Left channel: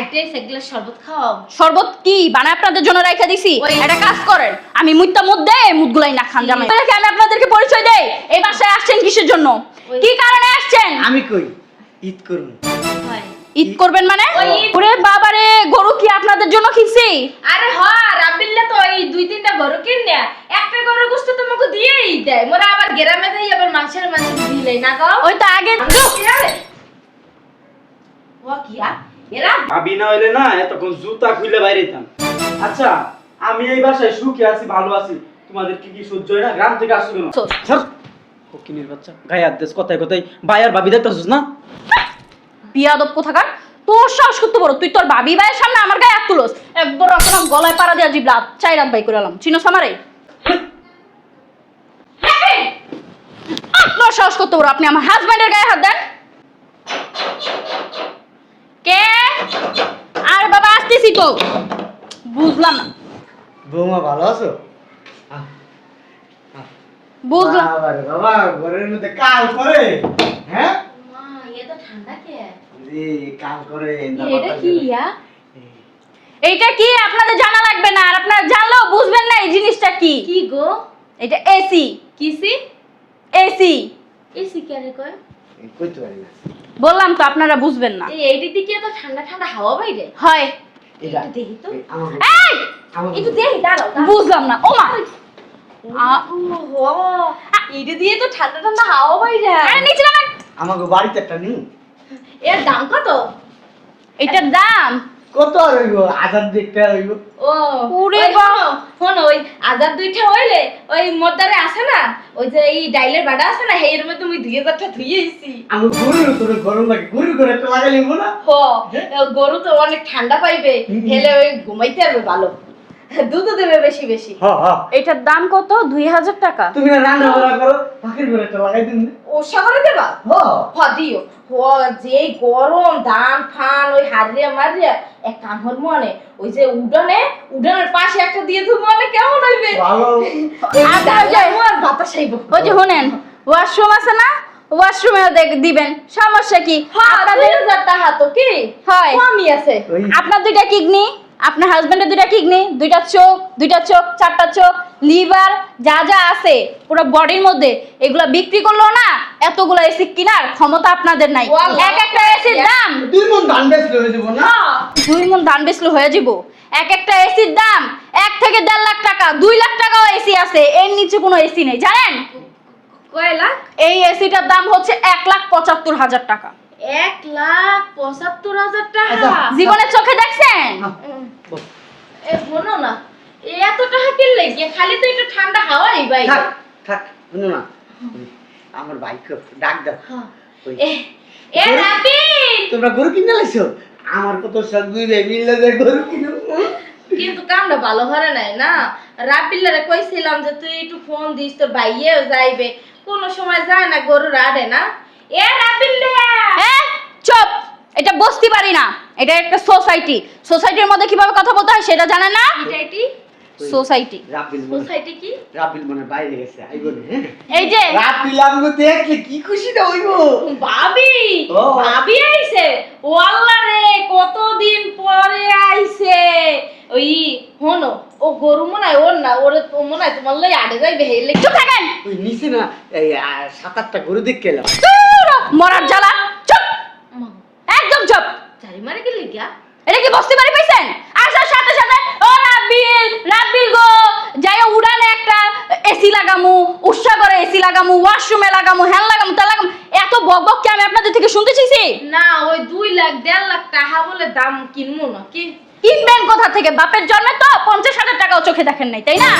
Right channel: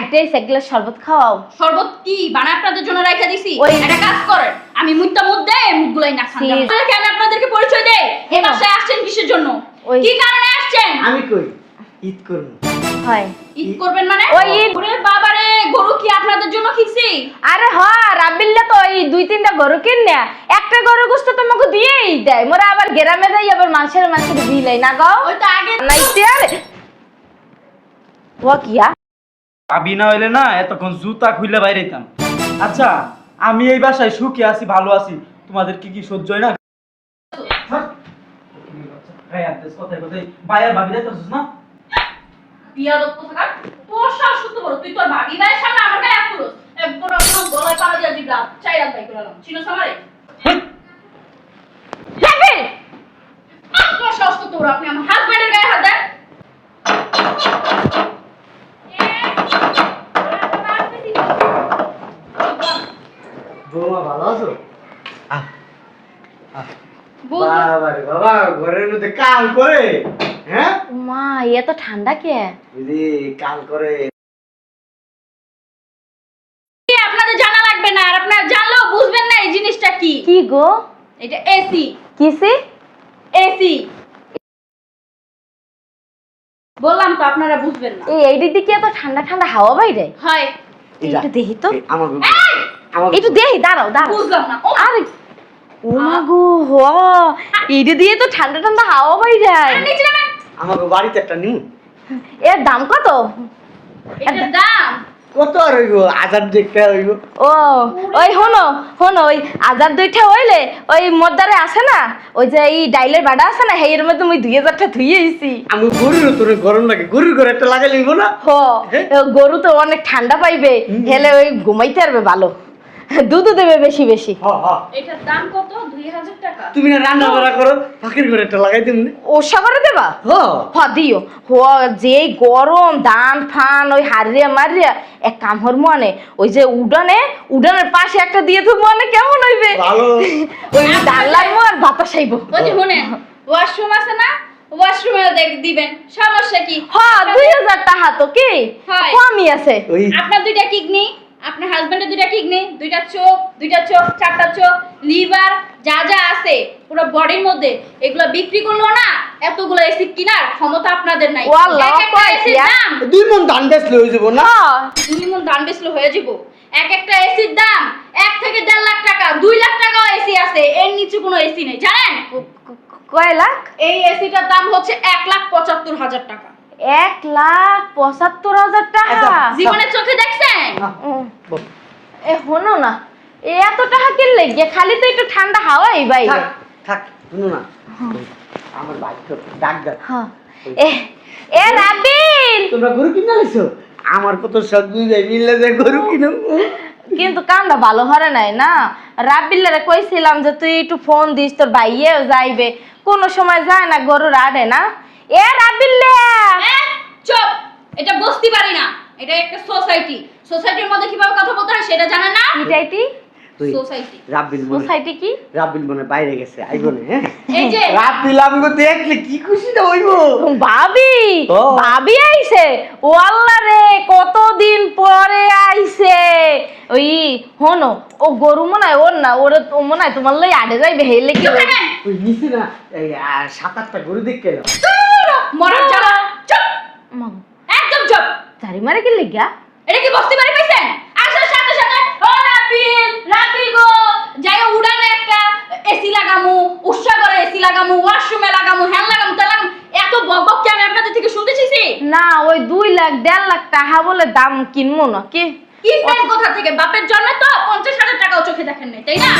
একটাই সেগুলো শরবত খাওয়াও। শরবত কি বানায় আপনাদের জন্য রাখা দিছি? একটা কাজ করেন, আমি মুইতা মধ্যে মুদগুলাই না খান জানেন। আমি আপনাদেরকে পরিচয় দেই, এই বাসায় আসছেন কিসের জন্য, কি কারণে আসছেন? আমি কই ঈদ করব। হয় ঈদ করবেন মানে? ওই ওরে বাবারে, গরু কি আপনাদের জন্য কিনছি? আরে হ রাবিল্লে তো ওই 2-3টা গরু কিনে একটা গরুর গোশত তোমাকে দিয়েই দেয়। মোরা আবার গ্রামে যাই আবার মানুষের দিলে না গো। ওই তো আগে ও কিয়া এরা ভাবি না হইলে না এতক্ষণ জুতা খুলে বাইরে যেতাম। আচ্ছা আমি এই বাসায় সুখে আছি, ভালো আছি, তোমাদের কি কি সহ্য হয় না? গ্রাম থেকে আসছো কেন? স্যার ওকিনের বাচ্চা গায়ে হাত দিস, কথায় কথায় ভাই আর ভাবি দেখতেছিস না? বিয়াদব কোথাকার, তোর সাহস করতে বড়, তুই তোর ভাবি ভাইয়ের সামনে আমার গায়ে হাত তুলস। একদম আপনার গলায় পাড়া দিয়া জিবলা চাই রাত বাই করে এলাম, চিনোস আমারে? আপনার সাহস করতে বড়, আপনি আমার হাজবেন্ডের গায়ে হাত দেন। কে? আরে বাবা আসতেছি তো। বুঝলাম না। বৌমা ভালো আছো? বুঝলাম বাবারে বাবা, ঘরের মধ্যে কাল করে, হ্যাঁ? মা এত ঠান্ডা কে? রে কাল করে। এটা কি ইয়া? এইটা কি আপনাদের জানা লাগবে না, আর আপনারা জানলেও বুঝবেন না এই জিনিসটা কি। কি গো? এটা এসি। কিসি? এসি এসি কে রে কয়? কইতে পারি না। বললাম তো আপনারা বুঝবেন না। এই দিকে এত ঠান্ডা ঠান্ডা হাওয়া বাইরে। হয় একটু দেখি তো। আমার এই আমার একটু দেখি, দাঁড়াও দাঁড়াও। বুঝলাম না। ও আরে ও মা গো, হ এইটা দিয়ে তো ঠান্ডা ঠান্ডা হাওয়া বাইরে। আরে নিচে নামেন। আমার বাড়িতে একটা নিউ। এর দাম কত? এটার দাম কত আর হইব? 1000 হইব। ও ওই হনো হনো ওই আজার দুইটা হইলে ওই মর্দারে আছে না, ওই যে এই ডাইলের বাড়া আছে না, হেয়ের মধ্যে ওই 2000টা ধুইয়ে আইছি। আমি গরুর তোর গরম লাগে, গরুর ঘরে একটা লাগাই লিব না? হো গরু তো অনেক ঠান্ডা পাইবে, হেলে ওই ঘুমাইতে পারবে ভালো, দুধ দেবে বেশি বেশি। হ হ। এটার দাম কত? 2000 টাকা। তুমি রান্না বান্না করো, ফাঁকির ঘরে একটা লাগাই দেব না? ও সাগরে দেবা? হ। দিও হো, যে গরম দান ফান ওই হারিয়া মারিয়া এক কাম হর মনে ওই যে উডানের পাশে একটা দিয়ে তো মনে কেমন হইবে? ভালো। আর বাতাস আইব। ওই যে শুনেন, ওয়াশরুম আছে না, ওয়াশরুমে দিবেন, সমস্যা কি? হ্যাঁ 2000 টাকা তো কি হয়। কমই আছে। ওই আপনার দুইটা কিডনি, আপনার হাজবেন্ডের দুইটা কিডনি, দুইটা চোখ, চারটা চোখ, লিভার, যা যা আছে পুরো বডির মধ্যে, এগুলা বিক্রি করলো না এতগুলো এসি কেনার ক্ষমতা আপনাদের নাই। ওয়াল্লাহ, এক একটা এসির দাম দুই মন ধান বেচ লই যাব না? 2 মণ ধান বেচলে হয়ে যাব। এক একটা এসির দাম 1 থেকে 1.5 লাখ টাকা, 2 লাখ টাকাও এসি আছে, এর নিচে কোনো এসি নেই জানেন? কয় লাখ? এই এসিটার দাম হচ্ছে 1,75,000 টাকা। 1,75,000 টাকা? জীবনে চোখে দেখছেন? এ শোনো না, এত টাকা কিনলে গিয়ে খালি তো একটু ঠান্ডা হাওয়াই বাইরে। থাক থাক, শুনো না, আমার বাইক ডাক দাও। হ্যাঁ। এ রাবিল, তোমরা গরু কিনে লাইছো? আমার কত শখ, দুই ভাই মিলে যে গরু কিনো। কিন্তু কামটা ভালো হরে নাই না। রাবিলের কইছিলাম যে তুই একটু ফোন দিস, তোর ভাইয়েও যাইবে, কোন সময় যায় না, গরু রাডে না। এ রাবিল্লে, হ্যাঁ চুপ, এটা বসতে পারি না, এটা একটা সোসাইটি। সোসাইটির মধ্যে কিভাবে কথা বলতে হয় সেটা জানেন না? এটাইটি সোসাইটি। রাবিল মনে, সোসাইটি কি? রাবিল মনে বাইরে গেছে, আইবো না? হ্যাঁ এই যে রাবিল আমাকে দেখলে কি খুশি না হইব। ভাবি, ও। ভাবি আইছে। ও আল্লাহ রে, কতদিন পরে আইছে। ওই হনো, ও গরু মনে হয় ওর না, ওরে তো মনে হয় তোমার লই আড়ে যাইবে, হেলে চুপ থাকেন, ওই নিছি না এই 7-8টা গরু দেখে এলাম। মরার জ্বালা। চুপ, একদম চুপ। চারি মারে কি লেগা? এটা কি বসতে পারি পাইছেন? আসার সাথে সাথে ও রাবিল, রাবিল গো যাই উড়ানে একটা এসি লাগামু, উৎসাগরে এসি লাগামু, ওয়াশরুমে লাগামু, হ্যান লাগামু, তা লাগামু, এত বকবক কি আমি আপনাদের থেকে শুনতে চাইছি? না, ওই 2 লাখ 1.5 লাখ টাকা বলে দাম কিনবো না কি? কিনবেন কোথা থেকে? বাপের জন্মে তো 50,000 টাকাও চোখে দেখেন নাই, তাই না?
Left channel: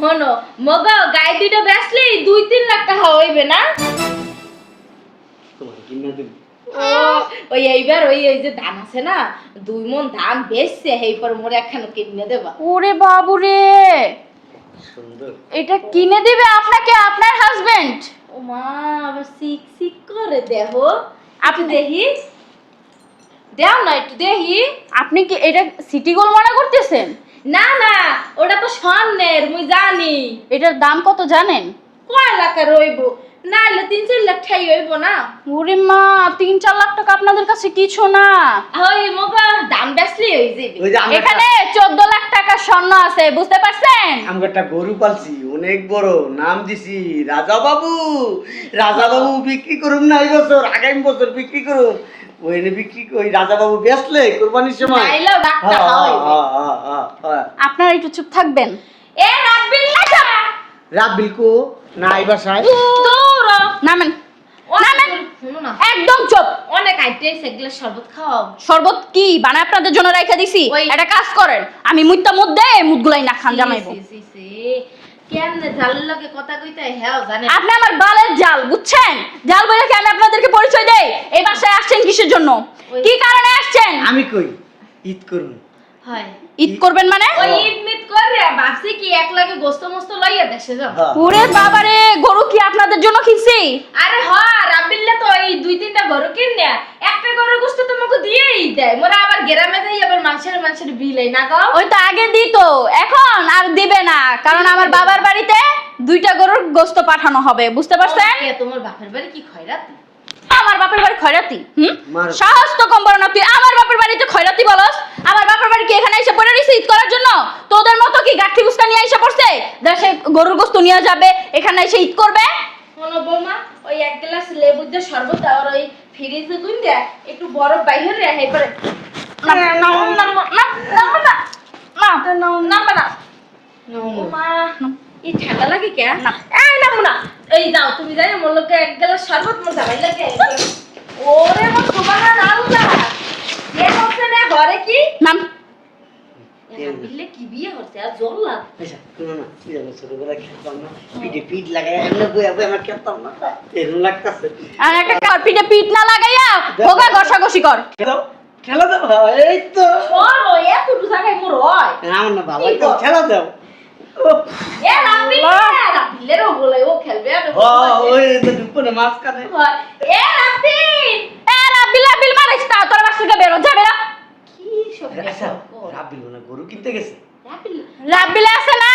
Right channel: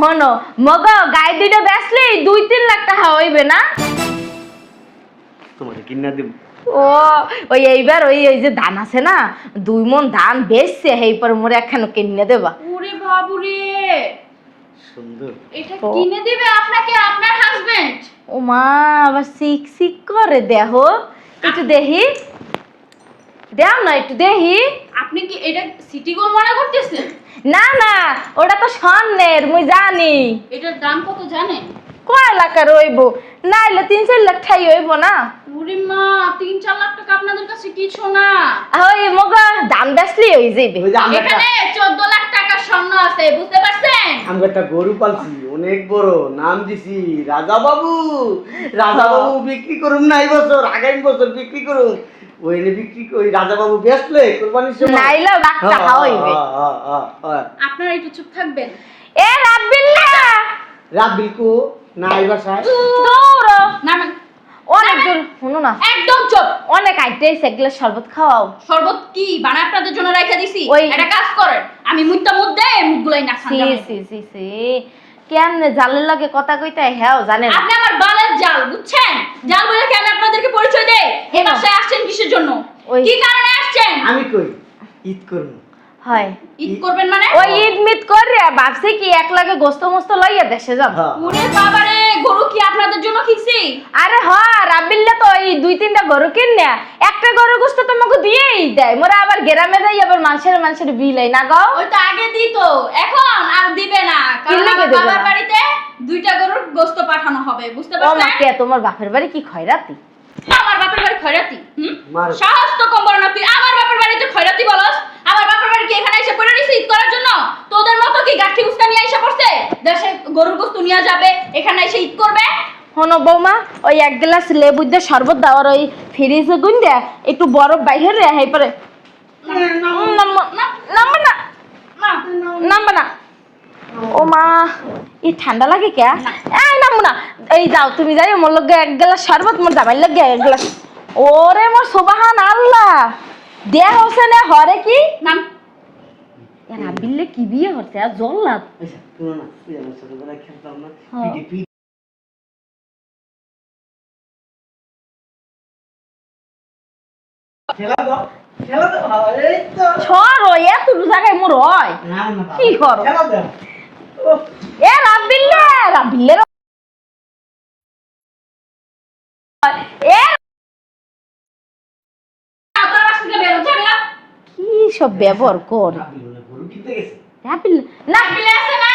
হনো মগ গায়ে দুইটা বেচলেই 2-3 লাখ টাকা হইবে না? তোমাকে কিনা দেব। ও ওই এইবার ওই ওই যে ধান আছে না, 2 মণ ধান বেচছে, হেই পরে মোরে একখানে কিনে দেবা। ওরে বাবুরে, সুন্দর। এটা কিনে দেবে আপনাকে আপনার হাজবেন্ড? ও মা, আবার সিক সিক করে দেহো, একটু দেখি, দেও না একটু দেখি। আপনি কি এটা সিটি গোল মনে করতেছেন? না না, ওটা তো স্বর্ণের, মুই জানি। এটার দাম কত জানেন? কয় লাখ রইব নাইলে 3-4 লাখ ঠাই হইব না। ওরে মা 3-4 লাখ টাকা আপনাদের কাছে কিছু না। ওই মগা দাম বেশি হই যাইবে। ওই যে আমরা এখানে 14 লাখ টাকা স্বর্ণ আছে, বুঝতে পারছেন? আমরা একটা গরু পালছি অনেক বড়, নাম দিছি রাজা বাবু। রাজা বাবু বিক্রি করুম না এই বছর, আগামী বছর বিক্রি করুম। ওইনে বিক্রি ওই রাজা বাবু বেচলে কোরবানির সময় নাইলে লাখটা হইবে। আপনারা একটু চুপ থাকবেন। এ রাব্বিল্লাহ রাত বিলকু না এই বাসায় দূর নামেন। অনেক দূর শুনো না, একদম চুপ। অনেক আইটেছে এগুলা শরবত খাওয়াও। শরবত কি বানায় আপনাদের জন্য রেখে দিছি? ওই- একটা কাজ করেন, আমি মুইতা মধ্যে মুদগুলাই না খান জামাইবো। সি কেমনে জালের লগে কথা কইতে হ্যাঁ জানেন। আপনি আমার বালের জাল, বুঝছেন? জাল বলে কি আমি আপনাদেরকে পরিচয় দেই? এই বাসায় আসছেন কিসের জন্য? ওই- কি কারণে আসছেন? আমি কই ঈদ করুন। হয় ঈদ করবেন মানে? ওই ঈদ মিদ করিয়া ভাবছি কি এক লাগে গোস্ত মোস্ত লইয়া দেশে যাব। হ্যাঁ। ওরে বাবারে, গরু কি আপনাদের জন্য কিনছি? আরে হ্যাঁ রাবিল্লে তো এই 2-3টা গরু কিনে একটা গরু গোস্ত তোমাকে দিয়েই দেয়। মোরা আবার গ্রামে যাই আবার মানুষের বিলাই না গো। ওই তো আগে দিত, এখন আর দিবে না, কারণ কি আমার দিবে বাবার না? বাড়িতে 2টা গরুর গোস্ত পাঠানো হবে, বুঝতে পারছেন? কে তোমার বাপের বাড়ি কি খয়রাতি? আমার বাপের বাড়ি খয়রাতি? মার- সাহস তো কম বড় না তুই আমার বাপের বাড়িতে খয়রাতি বলস? আমার বাপের বাড়ি কি এখানে এসে পড়ে রইছে ঈদ করার জন্য? তোদের মতো কি গাঠি বুস্তা নিয়ে এসে পড়ছে দেশে গরুর গোস্ত নিয়ে যাবে, এখানে এসে ঈদ করবে? হনো বৌমা ওই এক গ্লাস লেবু দিয়ে শরবত দাও, ওই ফ্রিজে গুইন্দা একটু বরফ বাইরে রেহাই পরে না ও মা এই ঠান্ডা লাগে কে না নামো না। এই যাও তুমি যাই মোর লগে এক গ্লাস শরবত মোর দাবাই লাগে এক গ্লাস। ওরে মোর সুবহান আল্লাহ দেখ হচ্ছে না ঘরে কি নাম রাবিল্লে কি বিয়ে হচ্ছে আর জল লাগ। আচ্ছা, শুনো না, তুই আমার ছোটবেলায় খেলতাম না, পিঠে পিঠ লাগাই এমনি বইয়া বইয়া আমরা খেলতাম না, এরকম লাগতাছে। আর একটা কারপিটে পিঠ না লাগাইয়া হোগা ঘষাঘষি কর। খেলা দাও, এই তো। ছড় ওই এত জায়গায় মোর হয় আমার না বাবা, কি করো? খেলা দাও। এ রাবিল্লে ও বলে ও খেলবে আর ও, ওই তো দুপুরে মাঝখানে। এ রাবিল এ রাবিল রাবিল মারিস তা তোর বাসা থেকে বেরো যাবে না। কি সব ব্যবহার কর রাব্বিল মনে হয় গরু কিনতে গেছে। রাবিল রাবিল আছে না,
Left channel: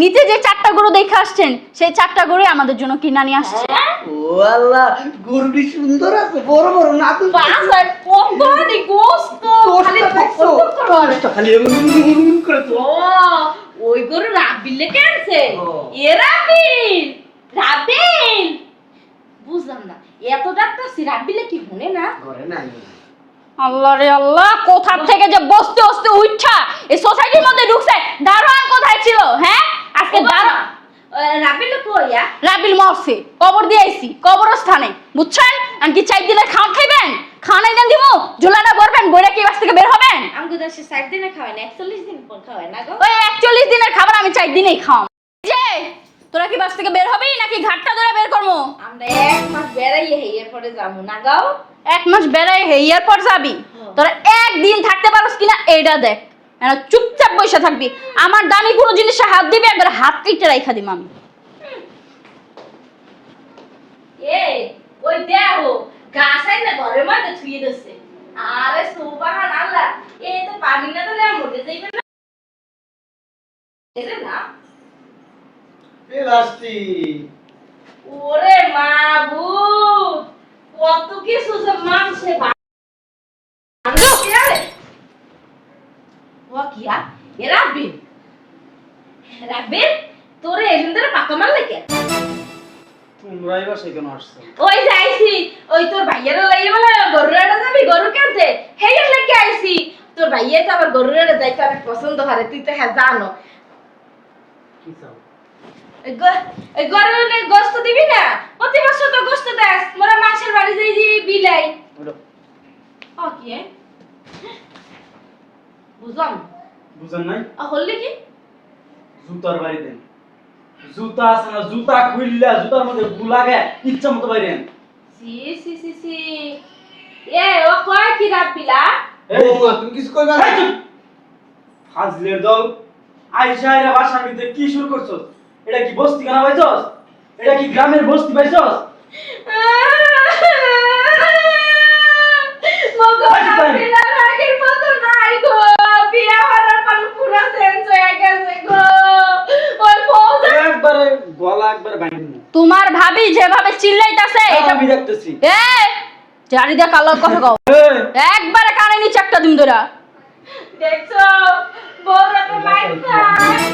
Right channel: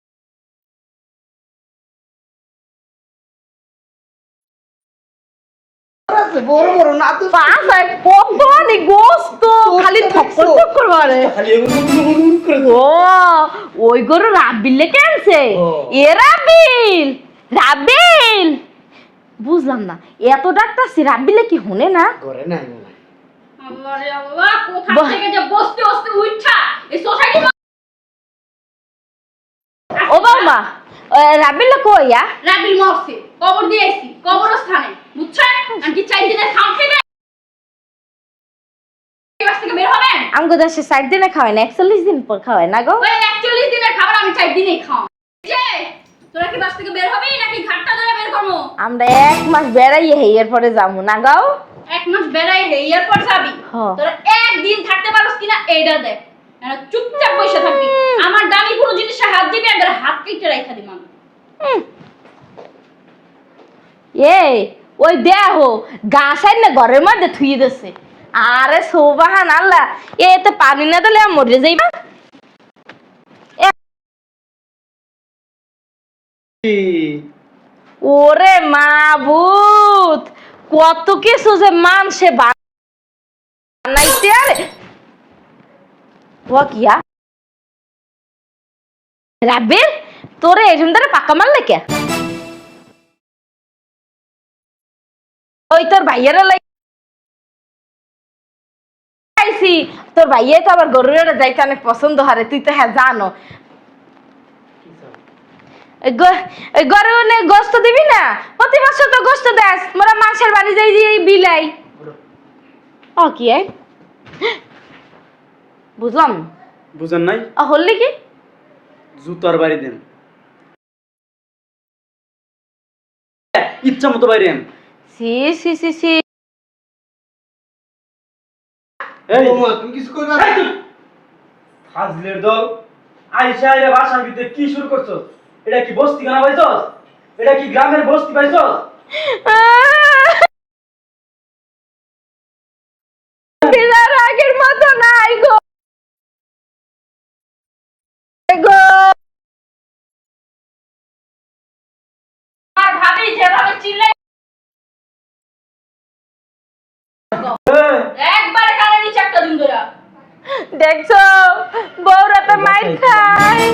নিচে যে 4টা গরু দেখে আসছেন সেই 4টা গরু আমাদের জন্য কিনা নিয়ে আসছে। ও আল্লাহ, গরুটি সুন্দর আছে, বড় বড় না তো। পাঁচায় পকবানি গোস্ত খালি ঠক্কর ঠক্কর করে। খালি উড়ুন করে তো। ও ওই গরু রাবিলে কেনছে ও। এ রাবিল রাবিল বুঝলাম না এত ডাক্তারছি রাবিলে কি শুনে না? ঘরে নাই। আল্লাহ রে আল্লাহ, কোথা বাহ। থেকে যে বসতে বসতে উঠছা এই সোসাইটির মধ্যে ঢুকছে। দারোয়ান কোথায় ছিল? হ্যাঁ ও বাবা রাবিলে কইয়া রাবিল মরছে, কবর দিয়ে আইছি কবরস্থানে, বুঝছেন? আমি কি 4 দিনের খান খাইবেন? খান আইনা দিব, জোলাটা ভরবেন, বইরা কি বাস থেকে বের হবেন? আমগো দেশে 60 দিনে খাওয়ায় না 41 দিন পর খাওয়ায় না গো। ওই 41 দিনের খাবার আমি 4 দিনেই খাও। যে তোরা কি বাস থেকে বের হবি নাকি ঘাটটা ধরে বের করবো? আমরা 1 মাস বেড়াইয়ে হেয়ার পরে যাবো না গো। 1 মাস বেড়াই হে এরপর যাবি। হ্যাঁ। তোরা একদিন থাকতে পারোস কিনা এইটা দেখ। এনা চুপচাপ বসে থাকবি, আমার দামি কোনো জিনিসে হাত দিবি একবার হাত কেটে রাইখা দিম আমি। এই ওই দেহো গাছ আইলে ঘরের মধ্যে থুই দিছে। আরে সুবহান আল্লাহ এতে পানি না দিলে মরে যাইবা। প্লাস্টিক। ওরে মাবুত কত কিছু যে মানুষে বানাইতে আরে ও কিয়া এ রাবিল রাবিল তোরে এরকম ধরে পাকা মারলে কে? তোমরা এই বাসায় কেন আসছো? ওই যে আইছি ওই তোর ভাইয়েরা লাইয়ে বলে গরুরাটা যাবি গরু কিনতে হেয়ার লেগে আইছি। তোর ভাইয়ে তো আবার গরুরাটা যাইতে অনেক পছন্দ হারে তুই তো হ্যাঁ জানো। ওই গরু গোস্ত দিবি না? প্রতি বছর তো গোস্ত দেস মোরা মাছের বাড়ি যাই দিয়ে বিলাই। ও কি বুঝলাম না। বুঝেন নাই? হললি কি জুতার বাড়ি দেন। জুতা আছে না, জুতা খুললা জুতার মধ্যে গুলাগে ইচ্ছা মতো বাইরেন। সি সি সি সি এ ও কয় কি রাপিলা? এই ও মা, তুমি কিছু করবে না? এই চুপ! ফাজলের দল আইসা এর বাসার ভিতরে কি শুরু করছস? এটা কি বস্তি খানা পাইছস? এটা কি গ্রামের বস্তি পাইছস? মগো রাপিলার আগের মতো নাই গো। বিয়া হওয়ার পর পুরো চেঞ্জ হয়ে গেছে গো। ওই পৌঁছা একবারে গলা একবারে ভাঙি। চিল্লাইতাছে এটা আমি দেখতেছি। এই জারি দা কালো কথা কও এই, একবারে কানে নিচে একটা দিন ধরা দেখছো বউরা তো মাইর খায়।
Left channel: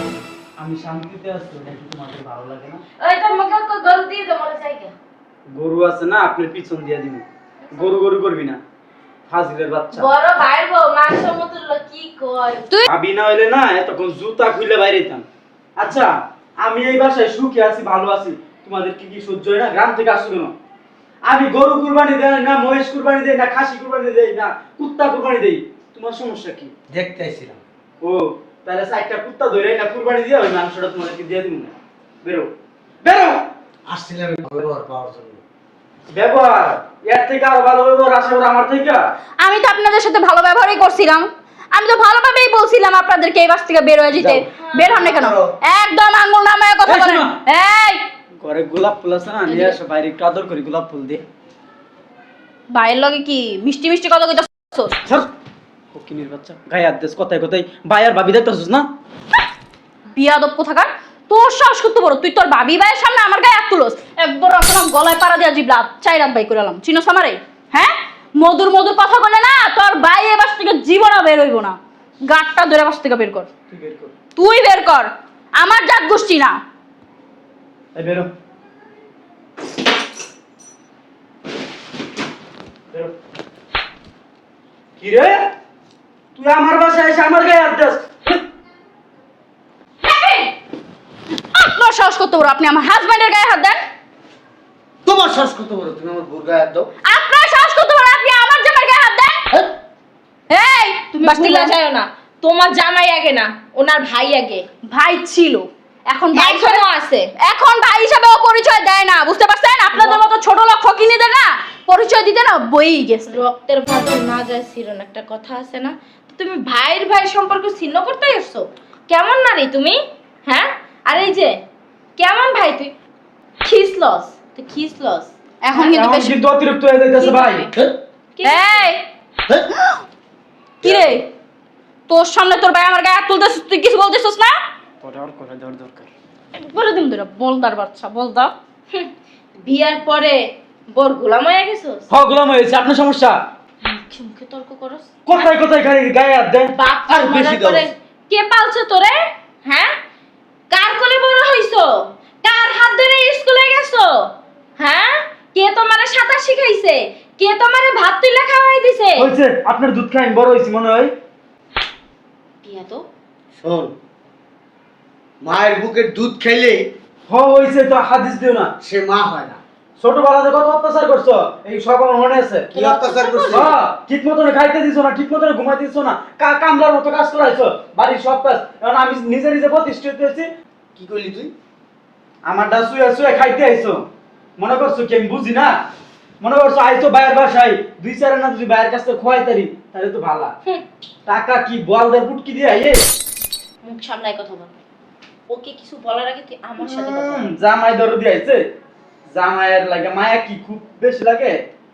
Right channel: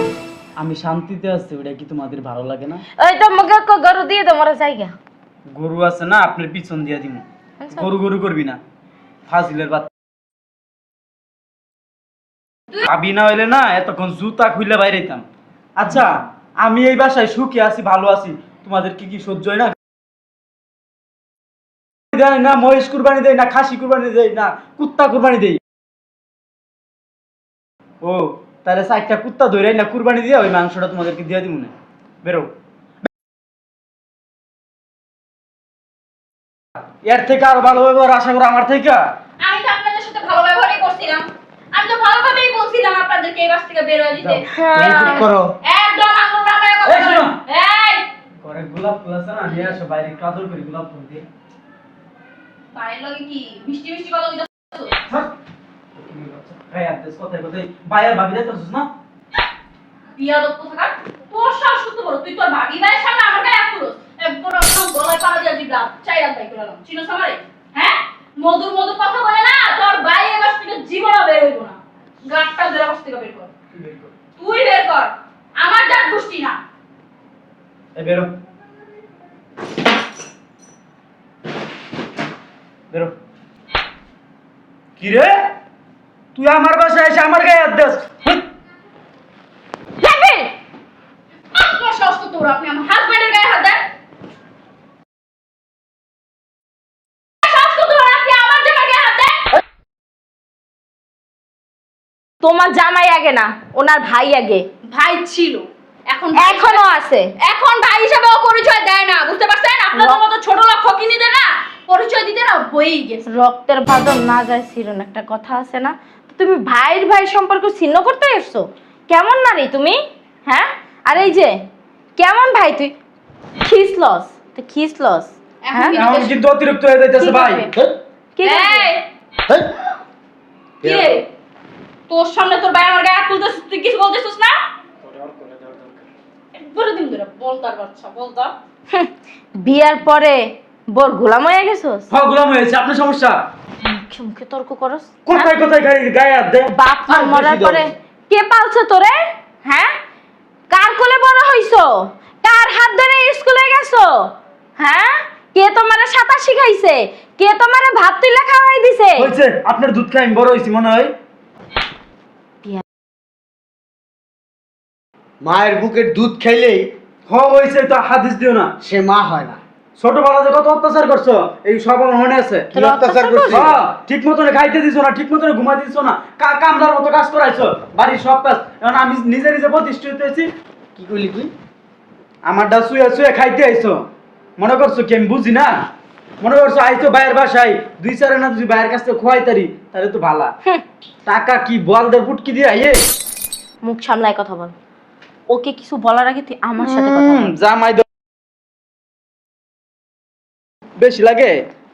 আমি শান্তিতে আছি, এটা কি তোমাদের ভালো লাগে না? ওই তো মুখে গরু দিয়ে তোমার জায়গা। গরু আছে না, আপনার পিছন দিয়ে দিব। গরু গরু করবি না, ফাজিলের বাচ্চা। বড় ভাই বউ মাংস মতো কি কয়। তুই ভাবি না হইলে না এতক্ষণ জুতা খুলে বাইরে যেতাম। আচ্ছা, আমি এই বাসায় সুখে আছি, ভালো আছি, তোমাদের কি কি সহ্য হয় না? গ্রাম থেকে আসছো কেন? আমি গরু কুরবানি দেই না, মহিষ কুরবানি দেই না, খাসি কুরবানি দেই না, কুত্তা কুরবানি দেই, তোমার সমস্যা কি? দেখতে আইছিলাম। ও তাহলে চারটা কুত্তা ধরে না কুরবানি দিয়ে ওই মাংসটা তোমাদেরকে দিয়ে দিব না। বেরো বেরো। আসছিলাম ব্যবহার পাওয়ার জন্য। ব্যবহার এর থেকে আরো ভালো ব্যবহার আশা করো আমার থেকে। আমি তো আপনাদের সাথে ভালো ব্যবহারই করছিলাম। আমি তো ভালোভাবেই বলছিলাম আপনাদেরকে এই বাস থেকে বের হয়ে যেতে। যাও, বের হন না কেন? করো। একদম আঙ্গুল নামায় কথা এই বলেন। শোনো। এই ঘরে গোলাপ ফুল আছে না, নিয়ে আসো, বাইরে একটু আদর করি গোলাপ ফুল দিয়ে। ভাইয়ের লগে কি মিষ্টি মিষ্টি কথা কইতাছো? স্যার ফকিনীর বাচ্চা, গায়ে হাত দিস কথায় কথায়। ভাই আর ভাবি দেখতেছিস না? বিয়াদব কোথাকার, তোর সাহস করতে বড়, তুই তোর ভাবি ভাইয়ের সামনে আমার গায়ে হাত তুলস। একবার আসলাম গলায় পাড়া দিয়া জিবলা চাই রাত বাই করে এলাম। চিনোস আমারে? হ্যাঁ, মধুর মধুর কথা বলে না, তোর ভাই এ বাস থেকে জীবনও বের হইব না। গাটটা ধরে বাস থেকে বের কর। তুই বের কর। তুই বের কর, আমার জাত গোষ্ঠী না। এই বেরো বেরো। কি রে, তুই আমার বাসায় এসে আমার গায়ে হাত দিস? দেখেন, আপনার সাহস করতে বড়, আপনি আমার হাজবেন্ডের গায়ে হাত দেন। তোমার শ্বাস কত বড়, তুমি আমার বোর গায়ে হাত দাও। আপনার সাহস করতে বড়, আপনি আমার জামাই গায়ে হাত দেন। এই তুমি বাস্তিলা যায়ও না, তোমার জামাই আগে না, ওনার ভাই আগে। ভাই ছিল, এখন ভাই এখনো হিসেবে- আছে। এখন ভাই হিসেবেও পরিচয় দেয় না, বুঝতে পারছেন? আপনাদের মতো ছোট লোক ফকিনীদের না পরিচয় দিতে না বইই গেছে। রক্তের বাঁধন না যায় ছিলেন, একটা কথা আছে না? তুমি ভাইয়ের ভাই সম্পর্ক ছিন্ন করতে এসছো? কেমন নারী তুমি, হ্যাঁ? আর এই যে কেমন ভাই তুই, খিসলস তুই খিসলস। এখন কিন্তু এমন বেশি কিন্তু অতিরিক্ত হয়ে যাইতেছে ভাই। কি এই কি রে, তোর সামনে তোর ভাই আমার গায়ে হাত তুলতেছিস, তুই কিছু বলতেছিস না? তোরা আর করে দেওয়ার দরকার। বলে দিন ধরে বলদার বাচ্চা বলদা। বিয়ের পরে বোর গোলাম হয়ে গেছোস? হ্যাঁ গোলাম হয়েছে, আপনার সমস্যা? মুখে মুখে তর্ক করস? কোথায় কোথায় খালি গায়ে হাত দেন? বাপ আর মরার বেশি পরে দোষ। কে পালছে তোরে, হ্যাঁ? কার কোলে বড় হইছো? কার হাত ধরে স্কুলে গেছো, হ্যাঁ? কে তোমারে সাঁতার শিখাইছে? কে তোমারে ভাত তুলে খাওয়াই দিছে? হয়েছে, আপনার দুধ খাই আমি বড় হয়েছি মনে হয়। বিয়া তো শোন, মায়ের বুকের দুধ খাইলেই হয়েছে তো হাদিস দিও না। সে মা হয় না। ছোটবেলা যে কত অত্যাচার করছো এই সব আমার মনে আছে। কি অত্যাচার করছিস? হ্যাঁ, ঠিক মতন খাইতে দিছো না, ঠিক মতন ঘুমাইতে দিছো না, কামলার মতো কাজ করাইছো, বাড়ির সব কাজ। এখন আমি নিজে নিজে প্রতিষ্ঠিত হয়েছি। কি করলি তুই? আমারটা শুয়ে শুয়ে খাইতে আইছো, মনে করছো কি আমি বুঝি না? মনে করছো আইছো বাইরের বাসায়, দুই চার না যদি বাইরের কাছ থেকে খোয়াইতারি তাহলে তো ভালা। টাকা কি বলদার পুটকি দিয়ে আইয়ে? মুখ সামলায় কথা বল। ওকে কিছু বলার আগে তুই আমার সাথে কথা বল। জামাই দর দিয়ে আইছে, জামাইয়ের লাগে মায়া কি খুব বেশি লাগে?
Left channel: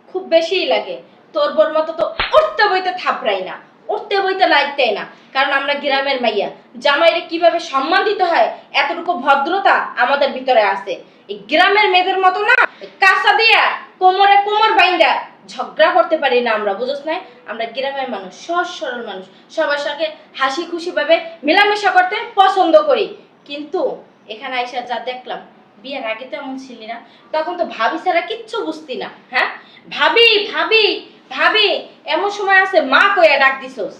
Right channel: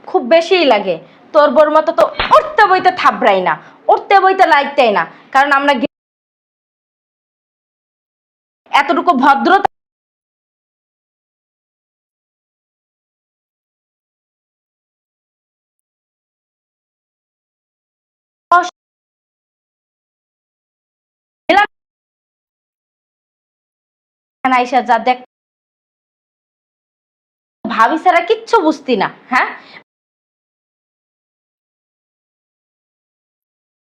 খুব বেশিই লাগে। তোর বর মতো তো উঠতে বইতে থাবড়াই না, উঠতে বইতে লাগতেই না। কারণ আমরা গ্রামের মাইয়া, জামাইরে কিভাবে সম্মান দিতে হয় এতটুকু ভদ্রতা আমাদের ভিতরে আছে। এই গ্রামের মেয়েদের মতো না কাঁচা দিয়া কোমরে কোমর বাইন্দা ঝগড়া করতে পারি না আমরা, বুঝছ না? আমরা গ্রামের মানুষ, সহজ সরল মানুষ, সবার সঙ্গে হাসি খুশি ভাবে মেলামেশা করতে পছন্দ করি। কিন্তু এখানে আইসা যা দেখলাম, বিয়ের আগে তো এমন ছিলি না, তখন তো ভাবি ছাড়া কিচ্ছু বুঝতি না, হ্যাঁ? ভাবি ভাবি ভাবি এমন সময় আছে মা কইয়া ডাক দিছস,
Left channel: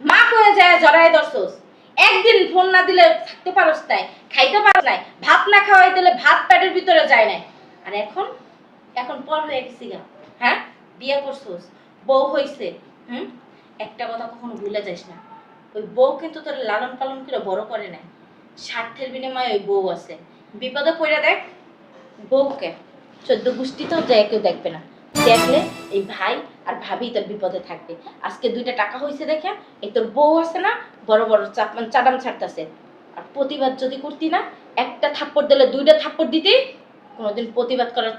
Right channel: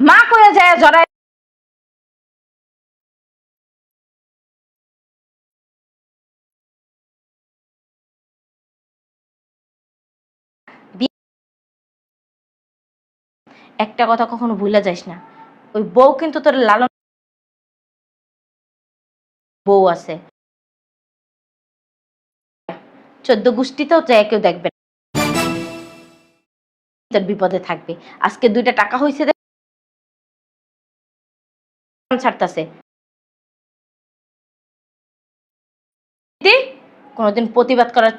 মা কইয়া যায় জড়াই ধরছস। একদিন ফোন না দিলে থাকতে পারস নাই, খাইতে পারস নাই, ভাত না খাওয়াই দিলে ভাত পেটের ভিতরে যায় নাই। আর এখন এখন পর হয়ে গেছি গা, হ্যাঁ? বিয়ে করছস, বউ হইছে, একটা কথা কখনো ভুলে যাস না, ওই বউ কিন্তু তোর লালন পালন করে বড় করে নাই। স্বার্থের বিনিময়ে ওই বউ আছে, বিপদে পড়ে দেখ বউকে 14 গোষ্ঠীতেও যায় কেউ দেখবে না, দেখলে এই ভাই আর ভাবি তোর বিপদে থাকবে। আজকে 2টা টাকা হয়েছে দেখে এই তোর বউ আছে না বড় বড় চাটাম ছাড়তাছে। আর প্রতিবাদ যদি করতি না, একটা থাপ্পড় দিলে 2টা থাপ্পড় দিতে, কোনোদিন প্রতিবাদ করার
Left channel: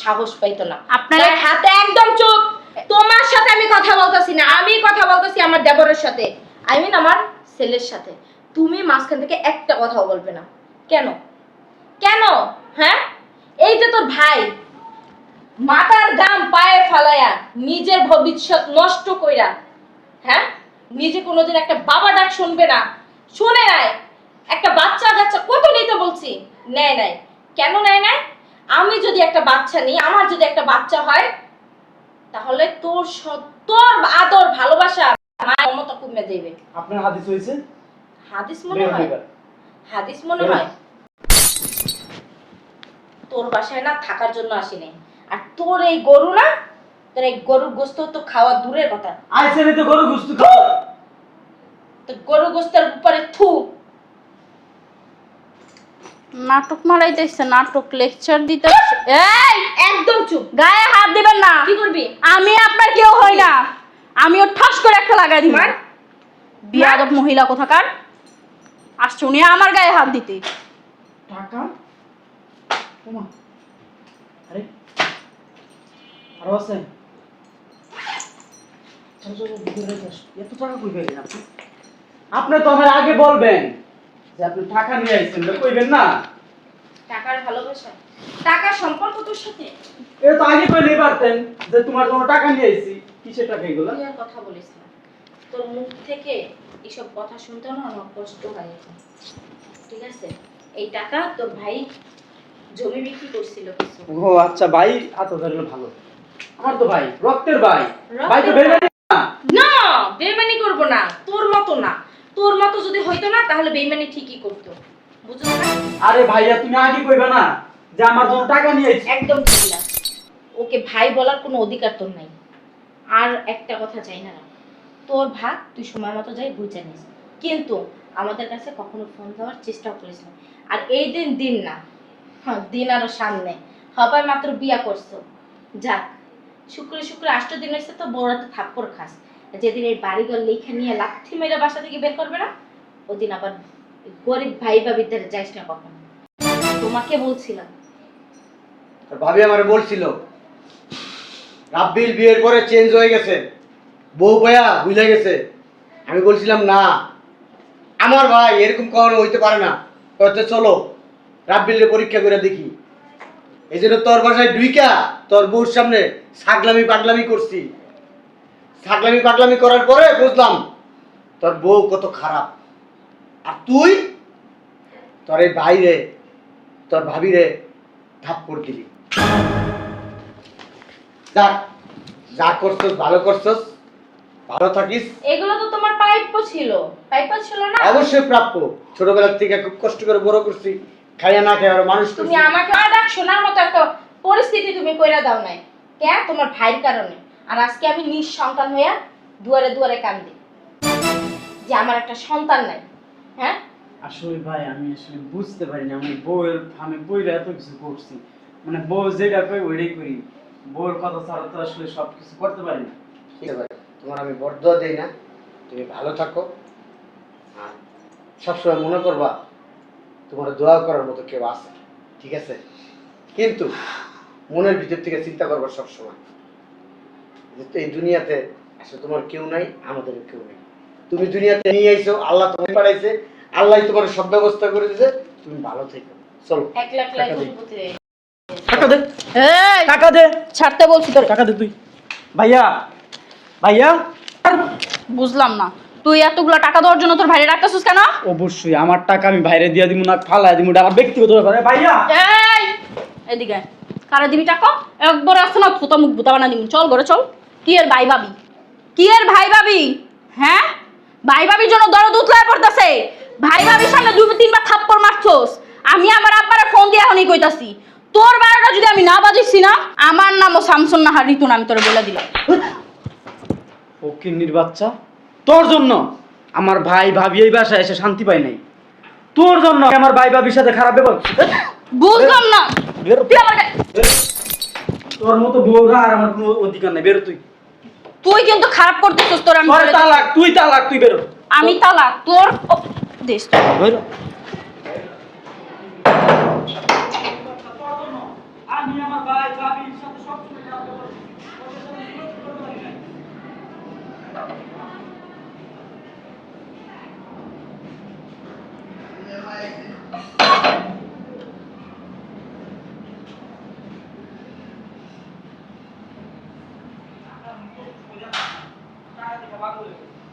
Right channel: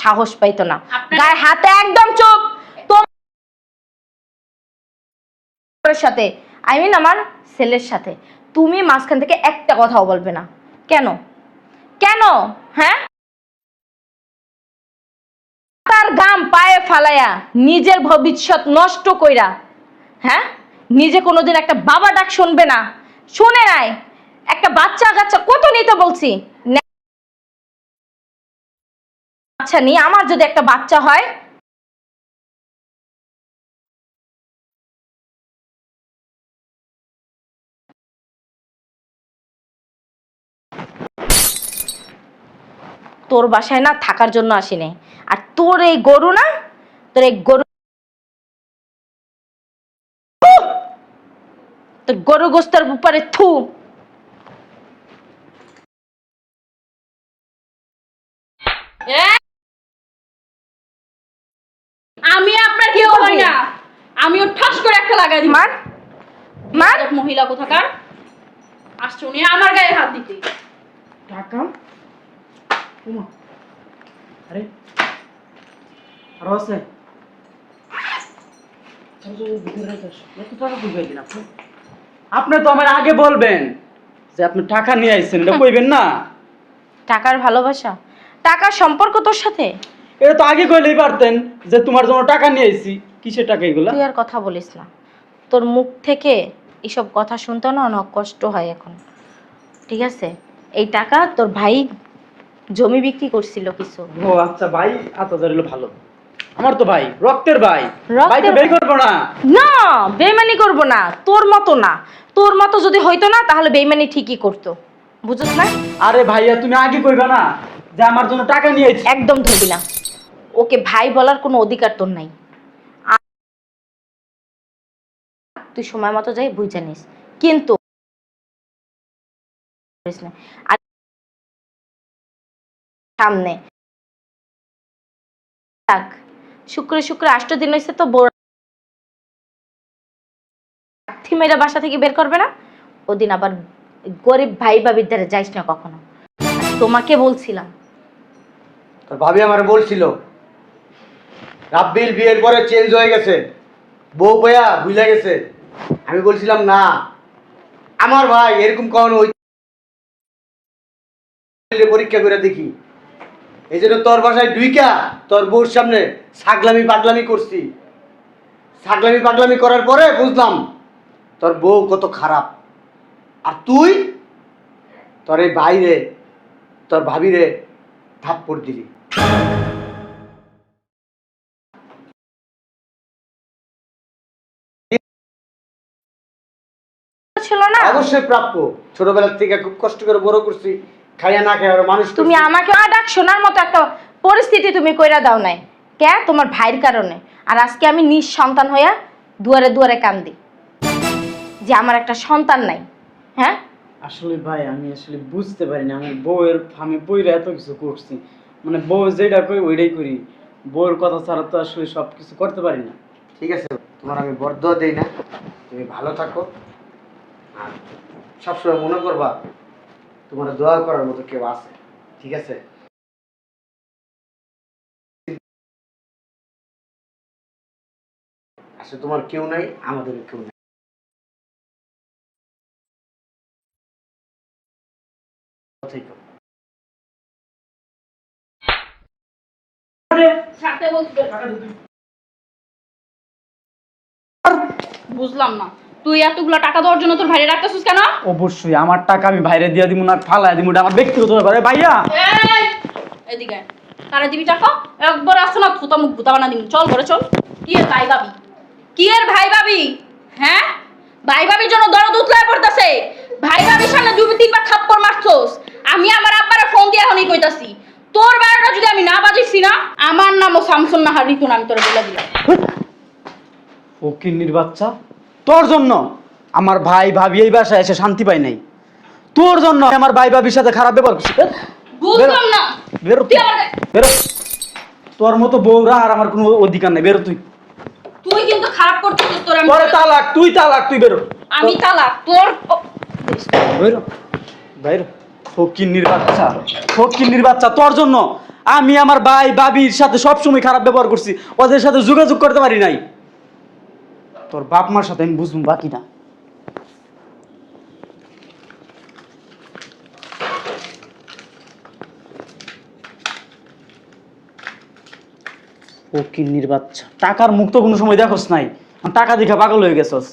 সাহস পাইতো না। আপনারা- গায়ে হাতে একদম চুপ। তোমার সাথে আমি কথা বলতেছি না, আমি কথা বলতেছি আমার দেবরের সাথে, আই মিন আমার ছেলের সাথে। তুমি মাঝখান থেকে একটা কথাও বলবে না। কেন কেন, হ্যাঁ? এই যে তোর ভাই, মাথার গাম পায়ে ফালায়া নিজের ভবিষ্যৎ নষ্ট কইরা, হ্যাঁ, নিজে কোনোদিন একটা বাবা ডাক শুনবে না, শুনে নাই। একটা বাচ্চা কাচ্চা কত নিতে বলছি, নেয় নাই। কেন নেয় নাই? আমি যদি একটা বাচ্চা নিই, আমার যদি একটা বাচ্চা হয়, তাহলে তোর আদর ভালোবাসা মায়ের মতো কমে যাবে। আপনার হাদিস হয়েছে? হাদিস মনে হয়, হাদিস মনে হয়। তোর বাসায় না থাকার জন্য আসিনি। আর তোর এই গরু না, তোর এই গরুর গোস্ত তো খাওয়া দূরের কথা। আইছেন তো গরু গুস্তু তোর গরু গোস্তের উপরে থু। নাটক মারাইতেছে, নাটক লেকচার দিতে। এই একদম চুপ। গায়ে হাত দিবেন না। কি করবি? আমি আপনার কেউ হই না। আমিও ঠাস করে একটা লাগাই দিই। মার। বিয়াদব মহিলা কোথাকার, আসছে উনি আমার গায়ে হাত দিতে। টাকা ওমা, আরে আরো আছে। এত টাকা কই পাইলেন আপনি? আপনি তো আমার আগে বলবেন যে আপনি টাকা নিয়ে আইছেন, এটা কইবেন না? টাকার ভালোবাসা, টাকার সম্পর্ক তোর সাথে? এটা তো আগে কইলেই পারতেন যে তোমার জন্য টাকা নিয়ে আইছি। কিসের টাকা এগুলা? তুই আর কথা বলিস না। তোর মুখ থেকে এসব কথা শুনতে না অনেক কষ্ট হয় এখন, ঠিক আছে? এই টাকা তোর ভাই জমি বিক্রি করছিল কিছু। ও আচ্ছা, ভাই আতাদার হলো ভালো। আমার তো ভাই, রক্তের ভাই। রক্তের ভাই তো বের ভাই। করবো না। না, বেইমানি করব না। তোর মতো না, তোর মতো যদি হইতো না তাহলে বেইমানি ঠিকই করতো, বুঝছ না? আরে ভাইয়া, তুমি আগে কইবা না যে আমার জন্য টাকা নিয়ে আইছি? একদম ধরবি না। ওকে ভাই বলার কোনো অধিকার তোর নাই। আর একটা কথা চাই না, তোর ভাগ তুই সময় মতো যাই বুঝে নিস, কিন্তু আমাদের কাছে কখনো ফোন দেওয়ার চেষ্টা করিস না। আর এই দিন দিন না, হ্যাঁ দিন আরো সামনে হবে। মাত্র বিয়া করছো, যাক শুক্রে শুক্রে 8 দিন হয়েছে তো বউরা তো থাপ্পড় খাস। যেদিন এই বাড়িঘর লেখা নিয়ে লাথি মেরে বাসা থেকে বের করবে না, ওদিন আবার গরিব ভাই বাবির দ্বারা যাইস না কখনো। তোমাকে বলছিলাম। তোর ভাবি আমারে বলছিল রাব্বিল বিয়ের পরে চেঞ্জ হয়ে গেছে, বউ পায়া ভুলে গেছে। আমি বলছিলাম না, আমার ভাই এরকম কখনো হইতে পারে না। তো চলো রাব্বিলের পরীক্ষা করে দেখি। এই জন্য তোর বাসায় ডুইকা তোর বউর সামনে ছাগলামি পাগলামি করছি। ছাগলামি পাগলামি করার পরে বুঝলাম তোর বউ কত খারাপ। আর তুই তোর এই ভাইরে, তোর ভাবিরে থাপ্পড় দিলি। যা যা করছস ভালো করছস, ভালো থাকিস। এগুলো তো তোমার প্রাপ্য ছিল, প্রাপ্য ছিল না? অবশ্যই প্রাপ্য। ছোটবেলা থেকে খুব কষ্ট করে বড় করছি, খাইয়া না খেয়ে মানুষ তুমি আমাকে আডাক শোনার মতো একটা পরিস্থিতি তুমি কইরা দাও নাই কে? তোমার ভাইয়ের কারণে। আর আজকে আমি নিঃসন্তান হইয়া দুয়ারে দুয়ারে কান্দি যে আমার একটা সন্তান নাই। হ্যাঁ আসলে ভাই আমি আসলে বুঝতে পারিনি, আমি বউয়ের আমি বইরা এত কিছু করছি। মানে বউ যেটা কই ওইটাই করি, বউয়ের কথা ছাড়া তো আসলে সবকিছু করতে পারি না। ঠিক আছে, তোমার আমি বরদোয়া দেই না, তুমি ভালো থাকো। আর সবসময় মনে করবা তোমার দোয়া করার মতো কেউ আছে, ঠিক আছে? কিন্তু মনের ভিতর থেকে চিন্তা করবা সবসময় যে এই দুনিয়াতে আসলে তোমার কেউ নাই, আমাদের কেউ নাই। তুমি দুনিয়াতে নিয়ে আইছো, আল্লাহ তোমাকে পাঠাইছে, আল্লাহ তোমার সব ব্যবস্থা করে দিয়েছে। তুমি ভালো থেকো, চলো। 1 লাখ টাকা দে। কোটিপতি। টাকা দে, এই টাকা দে, ছাড়তে বলছি তোর। টাকা দে তুই। ভাইয়া, ভাইয়া, বুঝলাম না, তুই এতগুলো টাকা দেওয়ার জন্য তোর ভাইরে রাখতেছিস কেন? অবশ্যই আমার টাকা আমি বাইরে দিয়ে দিব না, ফালাই দিব, এটা আমার ব্যক্তিগত ব্যাপার। এ ভাইয়া, এই এদিকে আয়। আরে দিবি টাকা একবার আসো না, থুতা মুখ ভুতা বানা দিবি। চল ঘরে চল। কি এর ভাই ভাবি, কি এর ভাই ভাবি? হ্যাঁ, ভাই ভাবির জন্য দরদ উতলায় পড়তেছে। ভাই ভাবির সামনে 2-3বার থাপ্পড় মারছস। আমি আমার আব্বারে ফোন দিয়ে এখনই কইতাছি, তোর বারোটা যদি আমি না বাজিছি না, আমার নামও শামসুন নাহার ঋতু না, আমি তোরে বলে দিলাম। ও কিন্নির বাচ্চা, তোর জন্য আমার ভাই ভাবি এই বাসায় এসে শান্তি পায় নাই। তোর জন্য আমার ভাই ভাবির সাথে খারাপ ব্যবহার করছে। বুঝলাম না, বেরো তুই আমাকে, বেরো। তোর মতো বউরা আর আমার কোনো অধিকার নেই, বেরো তুই। তুই কিন্তু খারাপ করতেছিস। তোর আমি তোর তালাক, তুই তালাক, তুই বেরো। আমি তালাক তোর দিস। বেরো, বেরো। ফকিন্নির বাচ্চা, ফকিন্নির বাচ্চা, তোর জন্য আমি আমার ভাই ভাবির সাথে সবসময় খারাপ ব্যবহার করছি, ওদের সাথে যোগাযোগ করতে পারি নাই। তোর বাপ মার সাথে আমি বুঝবো বাকি না। ও কিন্নির বাচ্চা, টাকার মুখ তো কোনো সময় দেখোস নাই, টাকা দেখে পাগল হয়ে গেছস।